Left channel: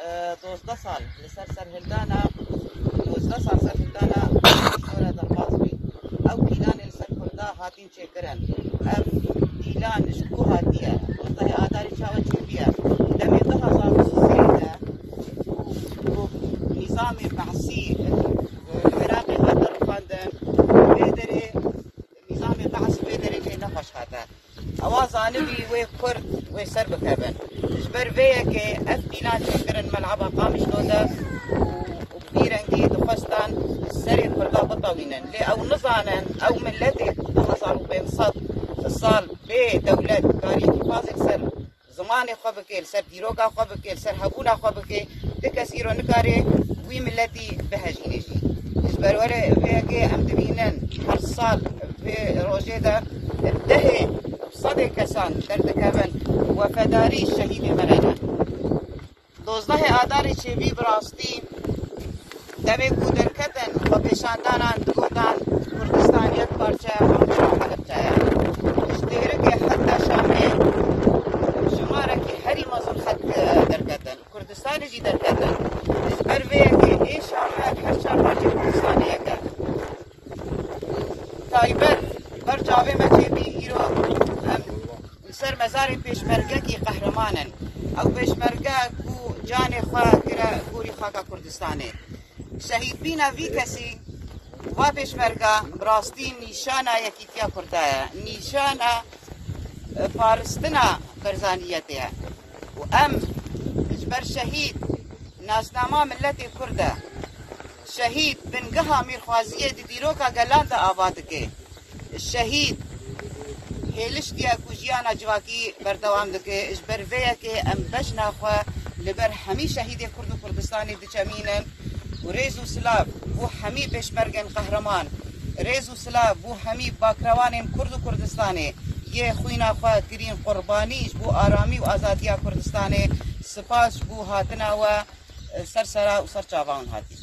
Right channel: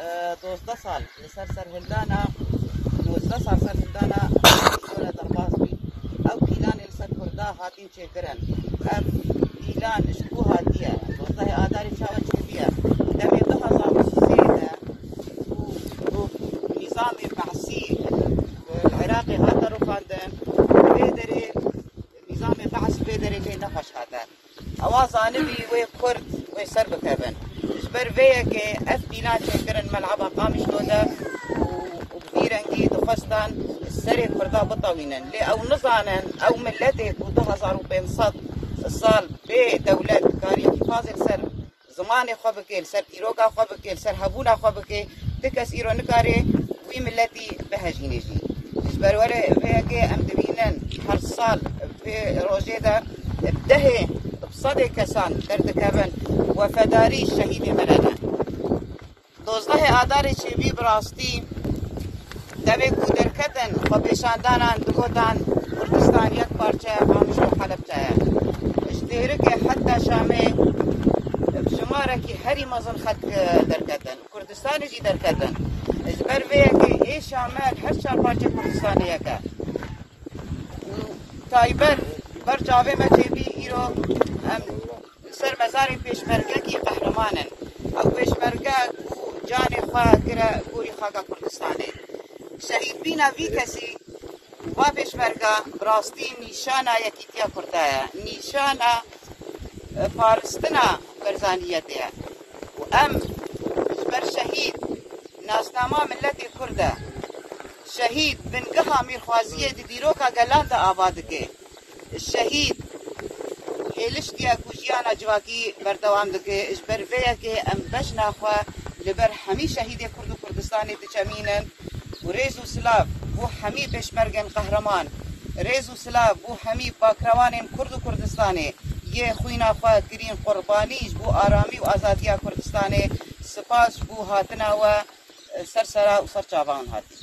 12 سال لسر هلدانا 12 سال سر هلدانا شورا درباسبي او كيلان لسر كردا هاتين چكرن ام كيلان شكو هاتيه والله آداري شاوة چكيه دمي ضها صار سوريا نظام بحثي العراقي هذا رفاندم بيدري نظام بحث بيدري في نفس هذا اوازانبي وكرد وسر بكابن برفيك أسبيلان شكر الملعب قامش دودا وبفيرنجي دفستان السري الفردا بطوينا لي أو نظانا أو ملتك وطلع صاروا بين صد الصال بي دولة تاريخ فاضل سر زمان خبكي سر ديروكا خبكي سر هبولا خبكي بكثير نكاري وي ملتي بهجني بروري بيكي أمدبينن هر صال في روزيدا بدهي صدق كسان بربكابن وفداری شهید مرده 12 آذار شبی براستی دبی کودین کتن و پیشاندانان کردان کردستان یک پارچه آموزش حلب چایا اشتهره که حتی شامل شماره که هری مزن خط در کتن کردستان جی در کتن اجبر ویه که ای شامل هر سال پارچه کردستانی یکا تایبر بر جاوه مچه بی ایرو سر مزار پیشمرگه کی قهرمانه او پیشمرگه کو جان خواه کرا پوری خواه کردستانه شهید بینا وی کسی با پیشمرگه براستی نیشانا یکی کیا کردایا نیشانا پارستنا برزانیته و ام بر شهید نازنامه ملت کرده شهید بنگها میخوازیه دیروکا گلان دا آباد که شهید هیلش کیا کجیانا جواکی بردوام دکه اجبر ویا که ام بشنا خوا لبر همی شهید کرد و کردستانی دچمینن و ریز و سلاب بو همی پشمرگن قهرمان ریز و سلاب بو همی باکروان کرد و کردستانی یه خوینا خوا کرین قربانیش بو آرامی و آزادیا کردستانی سپاس بو هاتنا و سرسرا و سرچاوان هاتی